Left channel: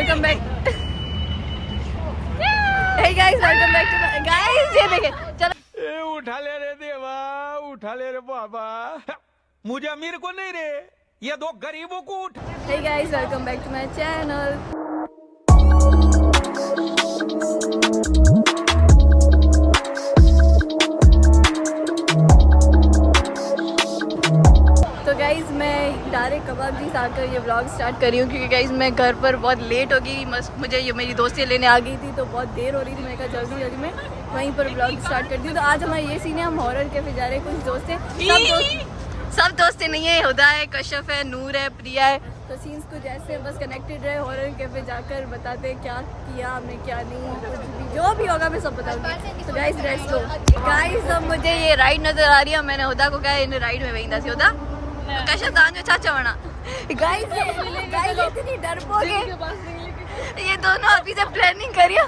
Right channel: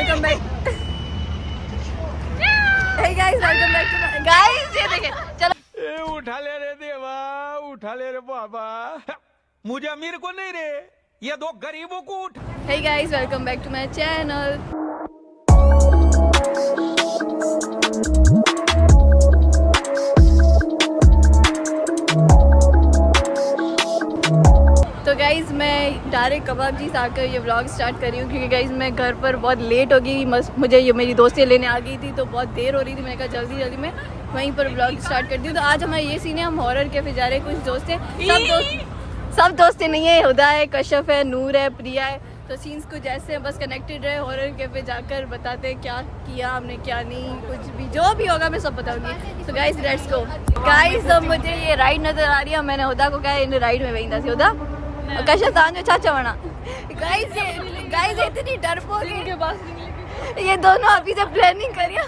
Welcome back. Hey guys welcome back to guys. ये देखे चलो उठा ले रे देवा, उठा ले रे बाबा, मुझे अमीर को नहीं रे, ये दो गरीबों को उठ। Hey guys welcome back to my channel. तो गाइज़ मैं डायरेक्ट कबाब जी से आकर ये व्लॉग स्टार्ट कर रही हूँ क्योंकि गाइज़ मैं घर पर बहुत लेट हो गई। मुझे ये मेरी दोस्तें लेने आ गई थी तो बहुत देर हो रही थी। मैंने कहा जल्दी जल्दी मैं वहीं पर व्लॉग स्टार्ट करती हूँ। तो आज हमारा ये सीन है, हम हॉरर कैफे जा रहे हैं। कुछ दोस्त हैं, सब दोस्तें नहीं है, हुदा है, कश्यप है, नूर है, प्रिया है। तो सीन्स कुछ ऐसे हैं, बस कनेक्टेड रहे। हॉरर कैफे जाकर बताते हैं क्या किया हमने, क्या नहीं, कुछ भी जो भी होगा मैं सब बताऊंगी। तो गाइज़ लेट्स गो। गाइज़ अब मुझे ये राइड नज़र आ रही है। मैंने हुदा को कहा इन राइड में वहीं था हुदा कशा तांजो चाचा बना। गाइस इतनी डरपोक है ये दोनों अभी से प्लानिंग करियो।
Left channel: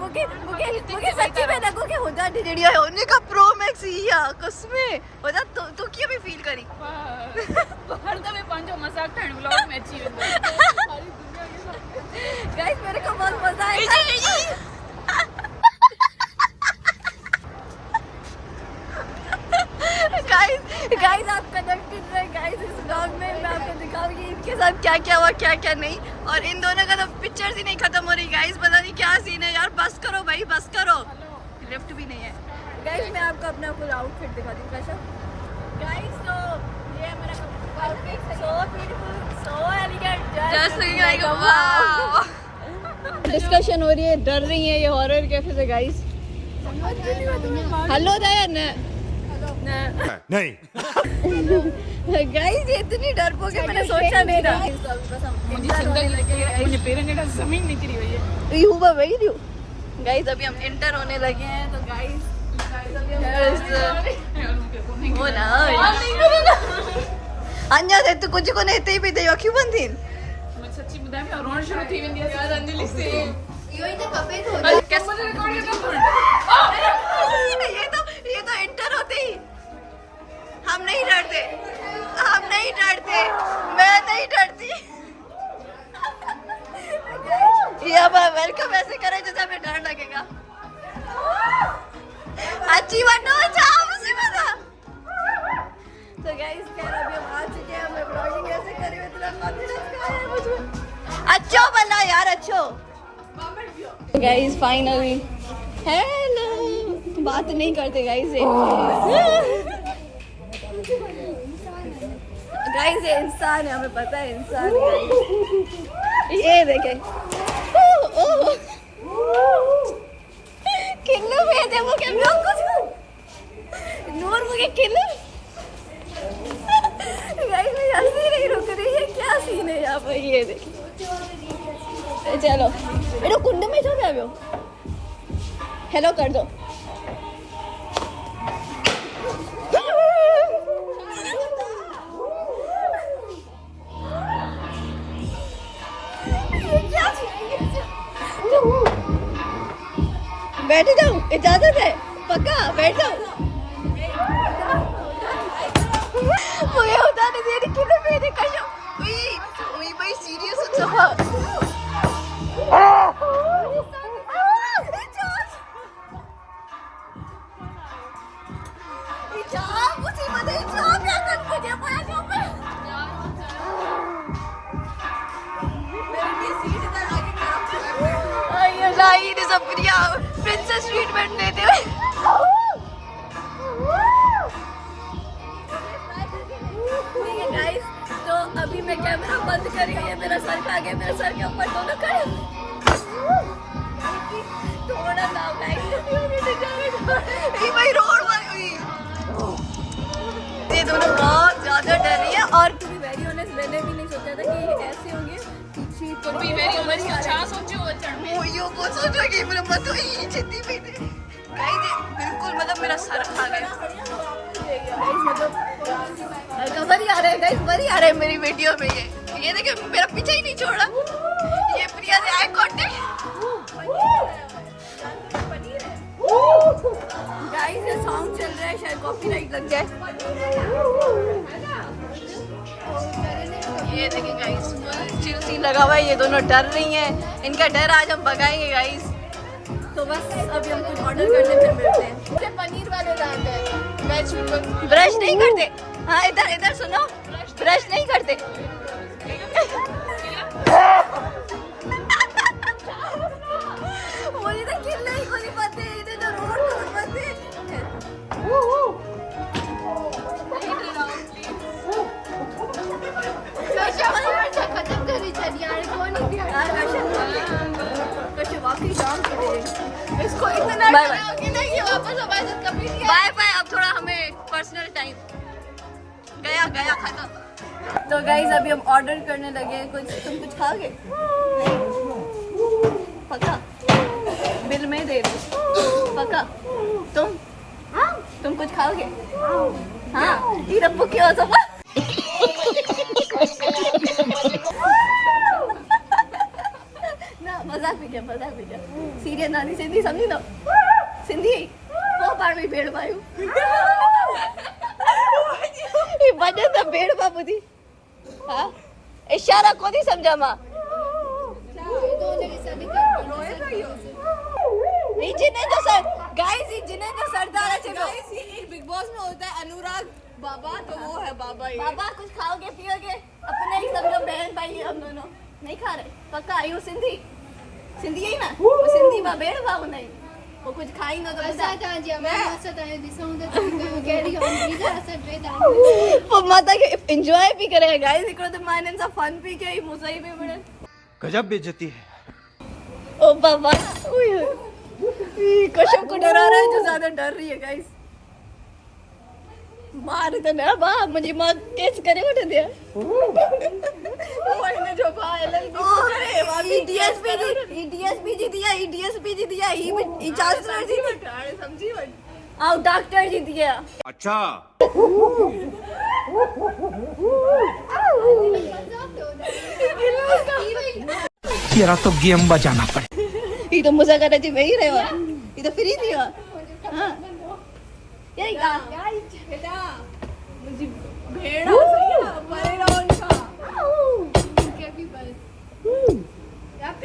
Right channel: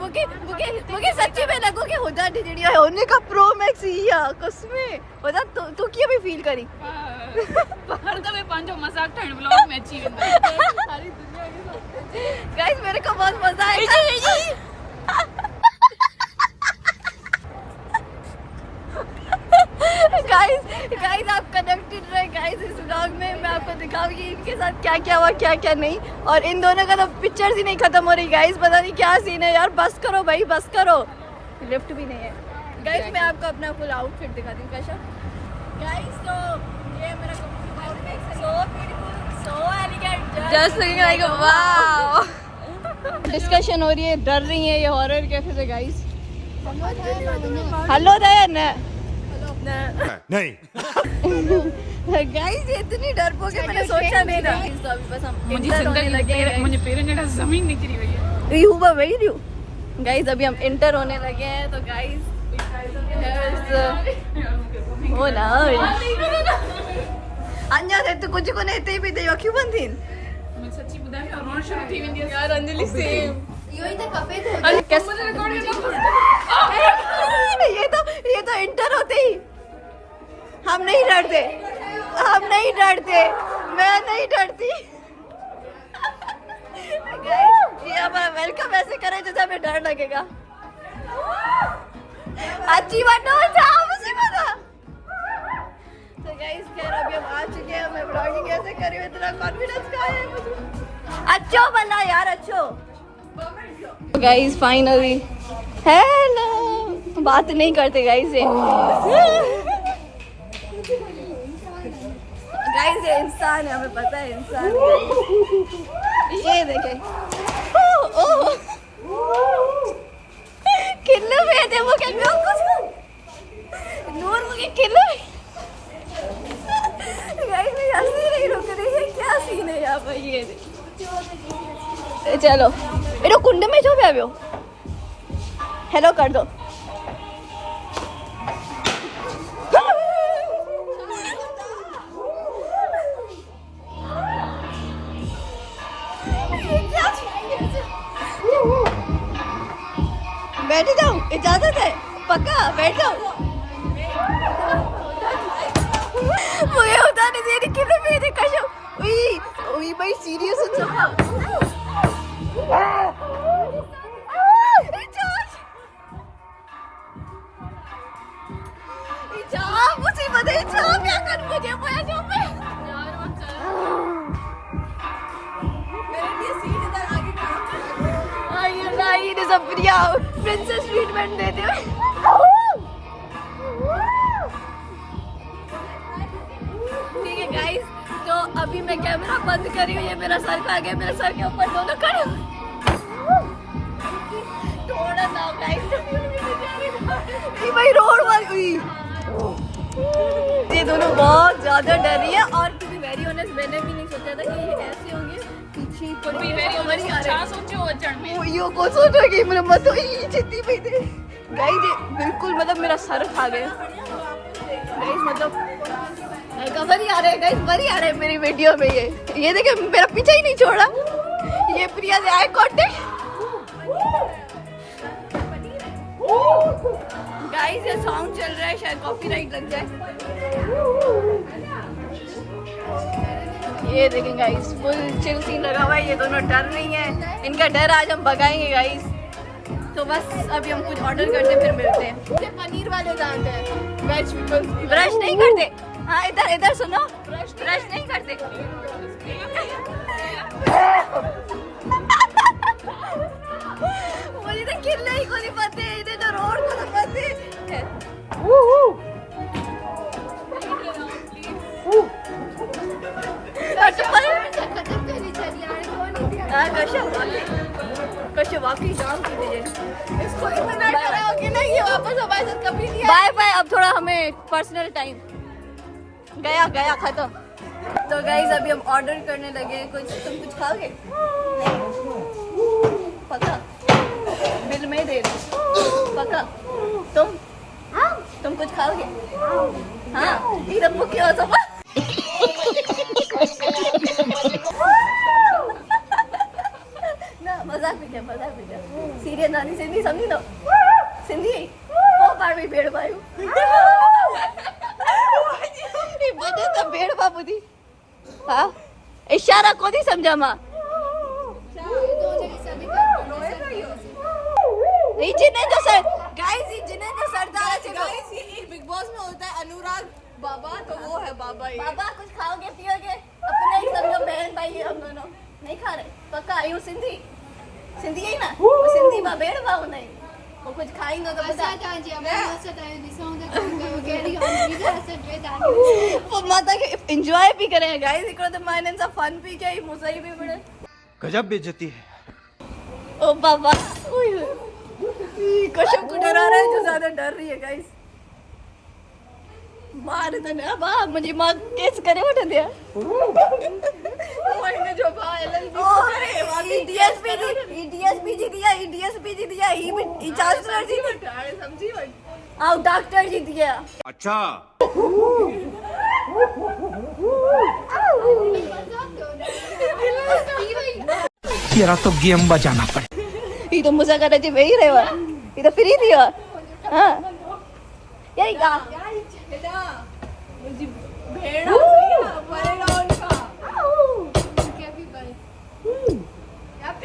मुझे सच्ची में लगो कि हुदा डिजिडिया है होने का प्रो मैक्स हिया कसमे हुदा तू की भी फील करी हर दफे पांचो मजाक ठंड व्लॉग में अच्छी वेंदो सारी दुनिया के साथ। गाइस मेरे को बहुत मजा आया। गाइस आप कनेक्टेड रहे गाइस इस व्लॉग में। मैं आपको दिखाऊंगी इनके साथ क्या क्या हुआ क्या क्या नहीं। और इन दोनों का तो पिक्चर्स ही नहीं खत्म हो रही गाइस। पता नहीं क्या सीन है यार। बस करो भाई बस करो। लिफ्ट भी नहीं है गाइस। मैं आपको अपना फुल आउटफिट दिखाती हूँ कैसा गाइस। तो ये मेरा outfit so beautiful so elegant just looking like wow. Discussion हो रही है, डर रही है ये हॉरर कैफे से गाइस। हेलो दया नहीं गाइस ये इतनी डरपोक है, मैंने सोचा नहीं था। तो अभी बस हम इंटर होने लगे हैं। मुझे पैरों ने जमीन निकली हुई है। यू हुआ वही रही गाइस। अभी हम इंटर होने लगे हैं। तो गाइस हियर इज द होला अन्या से तो कुछ को नहीं ते भी दे क्यों बंदी मैं सच्ची बताऊं मैं रोना शुरू थी वेंदी यार अंजलि से। यो ही तो कपे तो मुझे रिकॉर्ड करना ये तो इंटर होते ही हम नहीं डरते, हम नहीं डरते, मैं नहीं डरती। ये अब वेलकम ऐसे करें जैसे हमें डर लगेगा। अच्छी बात ना जाओ मुझे पता। तो गाइस खैर अभी हम आ चुके हैं। मैं ब्लॉगिंग ऐसे कर रही हूँ, इतना कॉन्फिडेंस कहाँ है मुझे। अच्छो बल्ला यार अच्छो। गाइस फाइनली हेलो बात नहीं करते गाइस गाइस ये इंसान है, हमें पता है इंसान है। ये देखे किल्लो मेरे दे वो क्या कुछ नूर मुझे किल्लो गाइस मैं हंसी नहीं रुक रही है। क्या सीन है यहाँ पर ये देखिए। चलो एरो कुंड में जो भी आयो हेलो कर दो। बैठ जाओ इजाजत है पक्का बैठ जाओ। मुझे बता नहीं दे रही किलो मेरे कशो ओई भाई सीरियस इन सफा मुसीबत है क्या कर मुझे पता जो मैं guys is a Priya princess treatment देते हुए। ठीक है गाइस तो अभी मैं कैमरा बंद कर रही हूँ। ये मेरा सर खा गया, मेरे सर के ऊपर दोनों खड़े थोड़ा ना गाइस ये भाई रोड वाली ये दोनों बहुत ज्यादा डर रही है। और टू बी वेरी ऑनेस्ट मैंने भी नहीं सोचा था कि ये ऐसे होंगे। पीछे पड़ भी वेरी ऑनेस्ट अच्छा सोचो बच्चन में वो यो को सोचो कि मेरा मत ही छिट्टी पे गाइस बिल्कुल मतलब मेरा सर खा गया गाइस। मतलब कवर ही आ रहे हैं गाइस, बड़ी आ रहे हैं मेरी वीडियो में। ये देखे मेरा पीछे ही नहीं छोड़ा। ये प्रिया से आई कांटेक्ट गाइस। ये सॉन्ग चल रहा है शायद कॉपीराइट लग जाए। ये देखिए गाइस, फुल चिल सीन लगा हुआ है। ये दोनों डर रही हैं, इनका डर आज हम भगाएंगे गाइस। तो बस अभी हम कुछ ऑर्डर करते हैं, फिर मिलते हैं। पनीर वाले लाते हैं, वेज ब्रश नहीं करते? हाँ इधर इधर सुनो, ब्रश नहीं करते। मुझे तो किले ही को नहीं पते, इधर तो रोड को तो पते। हाँ कश्य वाकई जाम की दीजिए इसको इतना खाओगे ना कि वापस हमारे साथ कभी नहीं बाय बाय। अब थोड़ा हमें पर्सनल टाइम गया गया खत्म। तो गाइज अभी हम ऑर्डर करने लगे हैं। कुछ तुम कुछ खाओगे? पक्का? बिल में दे दो पक्का? तुम कुछ खाओगे? हाँ ये रब्बू क्यों सब ना मजाक भी जा सीरियस नानी सिंधी समझी दो सिंधी वो बार में भेड़ पायू ये बजे तो भेड़ बाबू दी हाँ इशारा को नहीं समझा माँ जिन्हें जो सर गाइस जिन्हें जो सरदार है चलो एक बिग बॉस में होता है अनुराग बाबा, तो वो है बाबा। ये बाबा कुछ खाओगे पियोगे अपने ही समझो बहन भाई हम दोनों नहीं खा रहे पक्का आयु सिंधी सिंधी है ना वो सिंधी माँ भेड़ बाबू नहीं वो कुछ खाई ना तो बता वो माता के एंजॉय भी करे गाइस इकड़ो तो माने सा फन भी किया मुसई भी बड़े गजब बेइज्जती है। ओ बाबा कश्यप को डरा रहा है जो ज्यादा डर रही है गाइस। मार दे ना बा मुझे मां केस करे उठा दिया मैंने जो एलएलबी अरे वाली डीएसपी जी दिया ही चांसलर जी समझी बट आओ डॉक्टर जी दिया। अच्छा तेरा तो गेम बजाना पड़े। ये तो मुझे कर रहे वही रहे हुआ ये तो फ्री दिया हाँ यही का मुझे भेड़ा सही है परेगा उनका क्या भी बल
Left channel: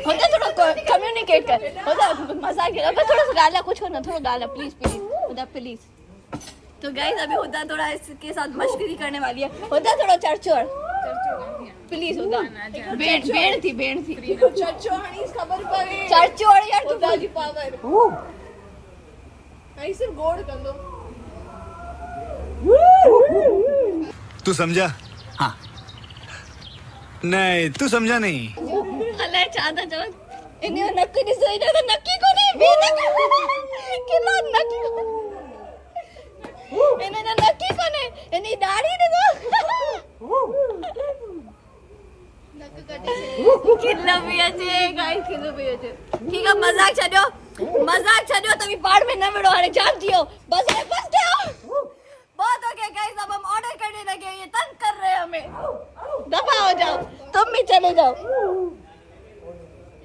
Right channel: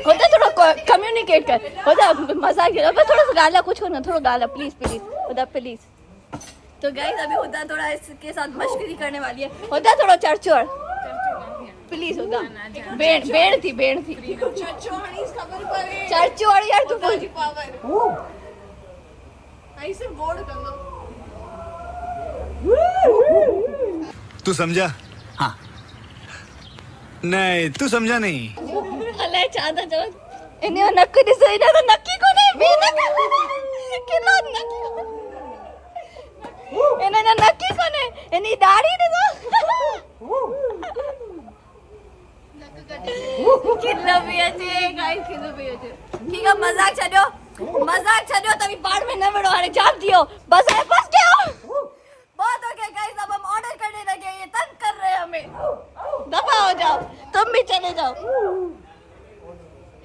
होता थोड़ा कम्युनिकेट कर होता मजा किया बस थोड़ा गाला कुछ होना थोड़ा गाला प्लीज होता प्लीज। तो गाइस अभी होता थोड़ा इसके साथ मस्करी करने वाली है होता थोड़ा चर्चोड़ प्लीज होता बेड़ थी चचोड़ी खबर करे चर्चोड़ यार तू दादी पावर ऐसे गोड़ कर लो। तू समझा? हाँ नहीं तू समझा नहीं। अले चाहता चल इन्हें नक्की नहीं सही ना तो नक्की को नहीं भी नक्की कितना नक्की इन्हें ना नक्की को नहीं इन्हें दाढ़ी नहीं तो कितना भी अच्छे गाइस कितना भी अच्छे ठीक है मजाक छड़ो तभी बाढ़ में न बढ़ो अरे जान दियो बस है बस जाओ बहुत हो गया गाइस अब हम ऑर्डर करने लगे ये तंग कर रहे हैं हमें दफा हो जाओ तुम भी चले जाओ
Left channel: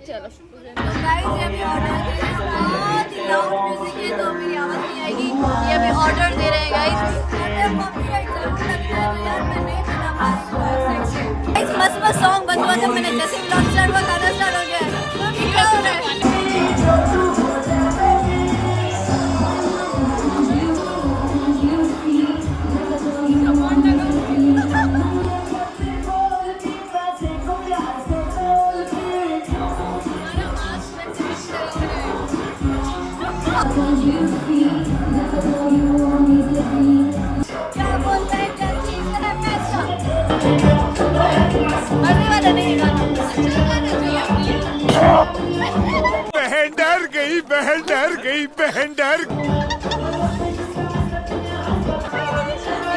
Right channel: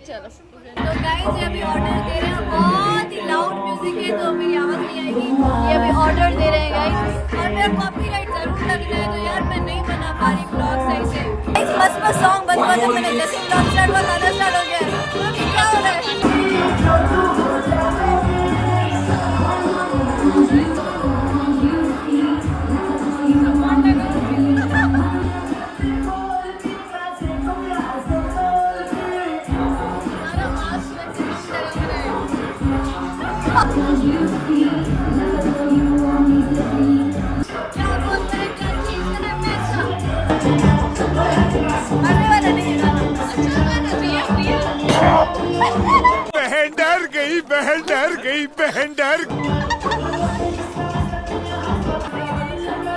चलो तो गाइस ये अभी ऑर्डर दे रहे हैं बहुत ही लाउड म्यूजिक है तो मेरी आवाज नहीं आएगी ये अभी ऑर्डर दे रहे हैं गाइस ऑर्डर कॉपीराइट जरूर लग जाए तो यार मैं नहीं बना पा रही ब्लॉग सही से गाइस मस्त सॉन्ग बंद जब मैंने जैसे ब्लॉग स्टार्ट हुआ गाना स्टार्ट हो गया क्या हो रहा है क्या बोलते हैं क्या चीज है पैसा अरे वाला नहीं गाना अच्छा गाना चाहिए बहन डर गई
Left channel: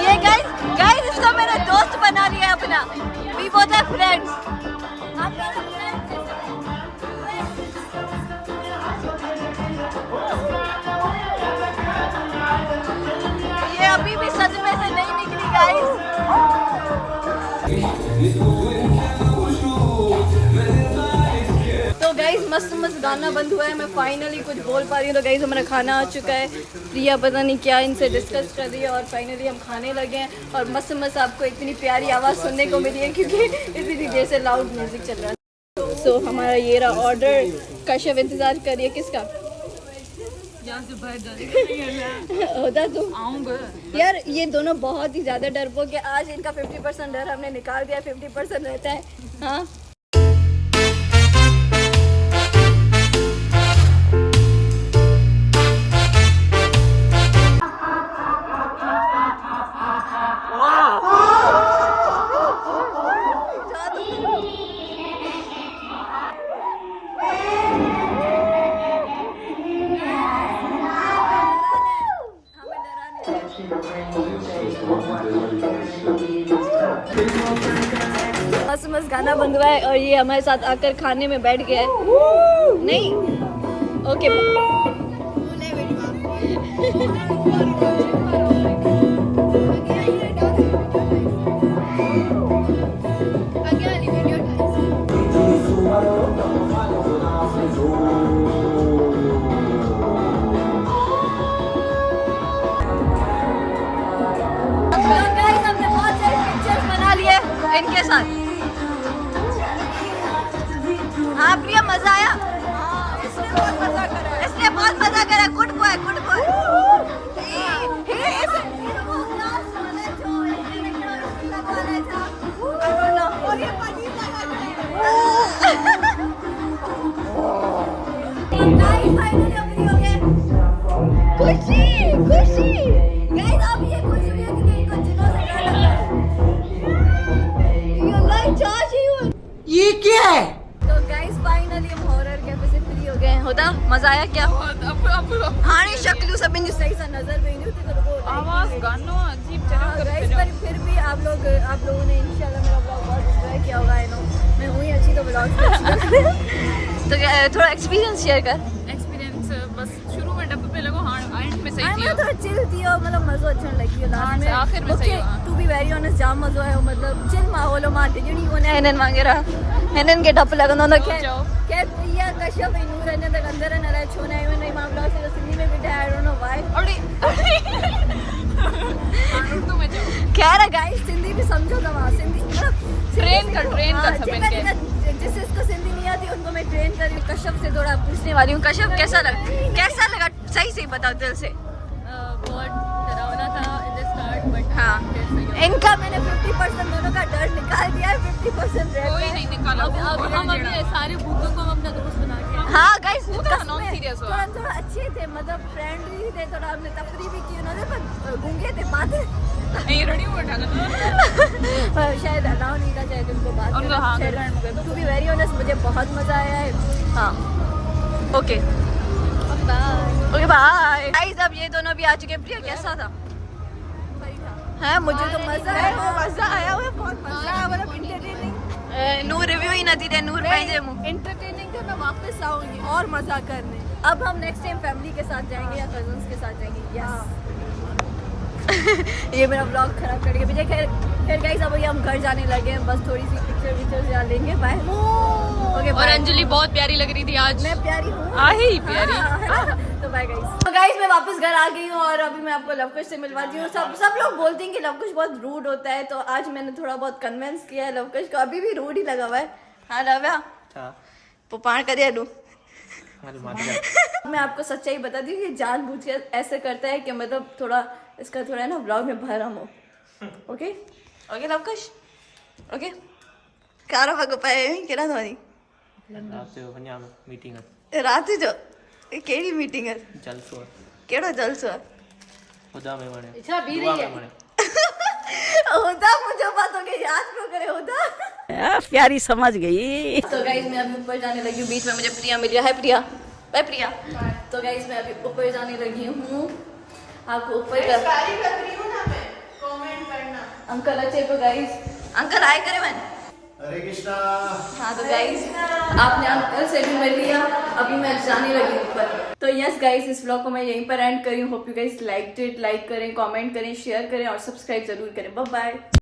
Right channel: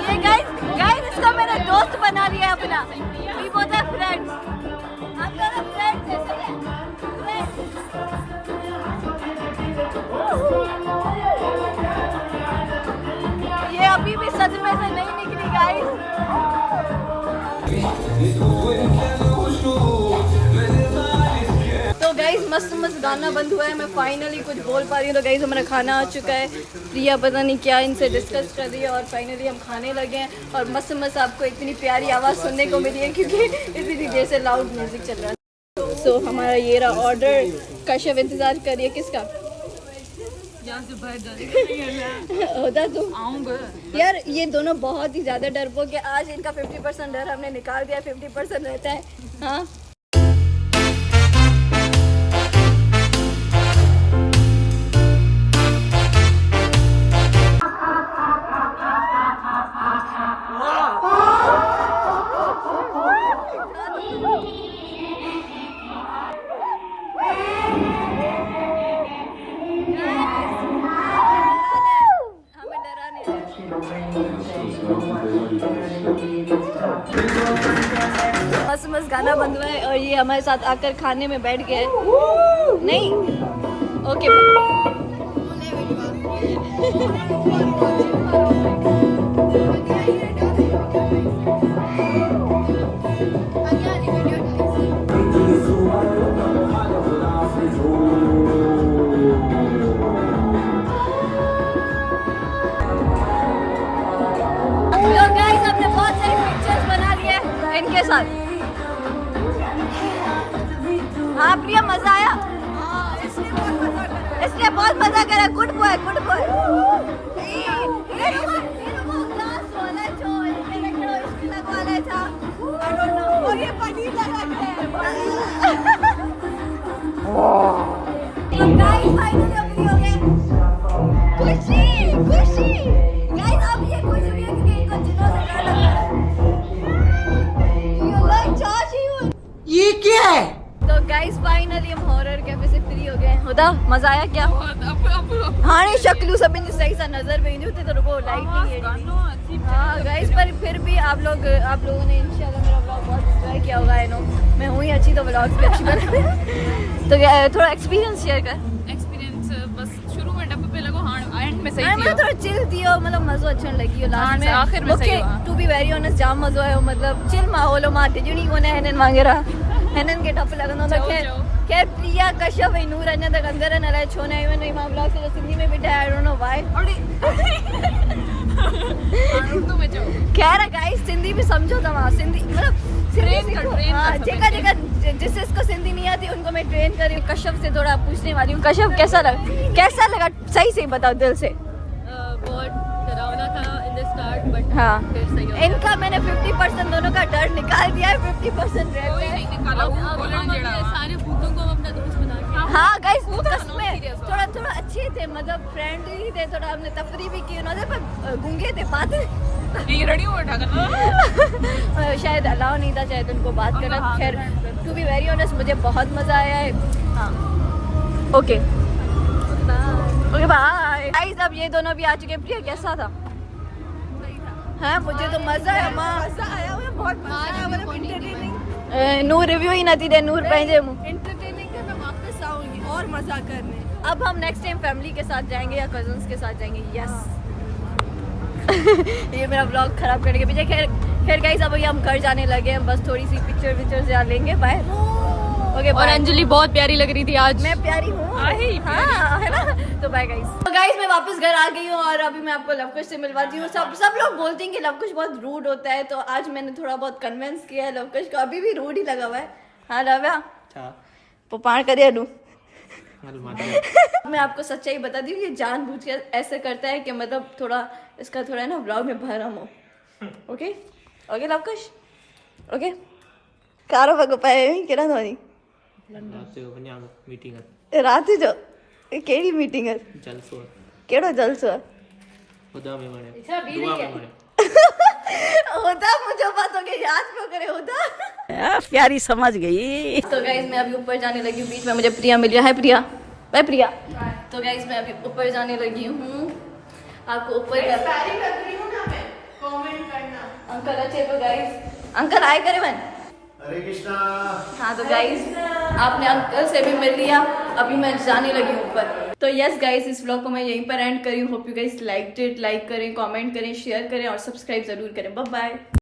ये गाइस इसको मैंने दोस्त बना लिया है अपना वी बोथ आर फ्रेंड्स हम दोनों फ्रेंड्स हैं चले ये अभी भी सच में से नहीं निकली गाइस तो गाइस मस्त मस्त गाना बंद हुआ है, मैं फाइनली कुछ बोल पा रही हूँ। तो गाइस हमारा खाना आ चुका है, प्रिया पता नहीं क्या इनसे डिस्कस कर रही है और फाइनली हम खाने लगे हैं। और मस्त मस्त आपको इतनी प्यारी आवाज़ सुनने को मिली है क्योंकि इतनी देर से लाउड म्यूज़िक चल रहा है। सो हमारा ये रहा ऑर्डर। कश्यप इंतज़ार करिए किसका? यहाँ से बाहर जाने होता तुम आऊँगा यार। ये दोनों बहुत ही ज़्यादा डरपोक है। आज इनका 50% डर हमने निकाल दिया, 50% रहता है। हाँ मस्त मस्त गाना बंद हुआ है और ये हमारे साथ आकर खाने में बैठ गया है। नहीं ओके इनके साथ। हाँ प्रिया मजा आया? इसने बहुत मजा करा। Good boy good boy. खुशी खुशी गाइस, अब ये खुश हुई है क्योंकि इनको जिन्हों से डर लग रहा है। ये क्या है? तो गाइस फाइनली हम हॉरर कैफे से फ्री हो गए हैं। होता मजा आया क्या? हाँ नहीं शक्लू सब इन सही सा नजर में नहीं होते तो रुको लाइट नहीं है। हाँ गाइस पर फिर भी आप लोगों ने इंशाल्लाह मेरा व्लॉग बहुत एंजॉय किया होगा। आई नो मैं हुई अच्छी तो व्लॉग भी अच्छी बनाते हैं। तो थोड़ा एक्सपीरियंस शेयर कर। बस शुरू में डब्बे पे लगो हाँ एंड में सही मतलब थोड़ा चिल दियो, मतलब मज़ो अच्छा लगी हो लास्ट में। आखिर में मूंखे टू बी वेरी ऑनेस्ट जाम मज़ो आयो, मतलब चिल माहौल मां टिजणी कोने हिनन वगैरह हिनन के डप लगंदो न। खैर प्रिया कश्यप ऐं नूर अञा तक अंदर न अलाए छो न आहियूं आहिनि। मां ब्लॉग से सिंधी में ॿुधाया I don't know why. Urdu में खैर गाइस सिंधी भी समझो तव्हां, सिंधी मतलब जेका जिसको सिंधी नहीं आती उनको मैं ट्रेन कर रही हूँ। कश्यप से थोड़ा पूछने वाली हूँ। कश्यप कैसा लगा सही से बताओ दिल से। बहुत डरावना था इन द स्टार्ट बट हाँ फिर सही हो इनका मैंने 50% दोनों का डर निकाल दिया है, 50% रहता है। सारे बूढ़ों को अपना दोस्त बना के हाँ गाइस थोड़ा अच्छे थे, मतलब फ्रेंडली थे। थोड़ा हमने तफरी भी की उन्होंने, पर गूंगे थे बात शायद अलाउ नहीं था शायद उनको बात करना। खैर टू बी वेरी ऑनेस्ट मुझे बहुत मजा आया है। हाँ ओके ओके बाय गाइस। अब ये दोनों भी आ चुके हैं। प्रिया कैसा था? है मुझे तो मजा आया। मजा आया बहुत मजा आया, मतलब इंटरटेनिंग। नूर रिव्यू ही ना थी दे नूर पंहिंजे मुंह इंटरटेनिंग है। मैं वापस आऊंगी और मजा करने। अब हम नेक्स्ट टाइम फैमिली के साथ जाएंगे या कजन्स के साथ जाएंगे। यस ये मेरा व्लॉग खराब करने के पीछे। खैर गाइस अब हम घर जाने लगे हैं, बस थोड़ी सी पिक्चर यहाँ लेंगे। Bye okay. और अंजलि बहुत प्यारी लग रही थी आज। मैं प्यारी हूँ हाँ है ना। तो बाय गाइस। तो गाइस मैं वापस घर आ गई हूँ और अभी मैं आपको लवकुश से मिलवाती हूँ। सब लोग बोलते हैं कि लवकुश बहुत रूड होता है, तो आज मैंने थोड़ा बहुत कन्विंस किया है लवकुश को। अभी भी रूड ही लगा हुआ है। हाँ लव्या पाण करे लूँ। मैं आपको सच्चाई बताती हूँ कि जानबूझ के ऐसे करता है कि मतलब थोड़ा इसका थोड़ा है ना व्लॉग में भरम हो। ओके ओके लवकुश ओके कारो पग पाए केड़ा धोनी रात जो केड़ी मीटिंग है? जलसो केड़ो जलसो है? खुदा में मने दुआ में मने होता मुझे बातों के याद क्यों करे होता। प्यारी समझ गई। तो गाइस मैं अभी ऊपर जाने लगी हूँ। बीच में मुझे प्रिया मिल रहा है। प्रिया मैं प्रिया। तो गाइस मैं अभी ऊपर जाने लगी हूँ। आपको ऊपर अंकल अच्छे तो गाइस अंकल आए करे मैंने। हरे कृष्णा। हाँ तो गाइस आपने अंकल से भी मिल लिया। अभी मैं जाने लगी ऊपर। तो यस गाइस इस व्लॉग को मैं यहीं पर एंड करी हूँ। Hope you guys like it. Like करें, कमेंट करें, शेयर करें और सब्सक्राइब जरूर करें। Bye bye.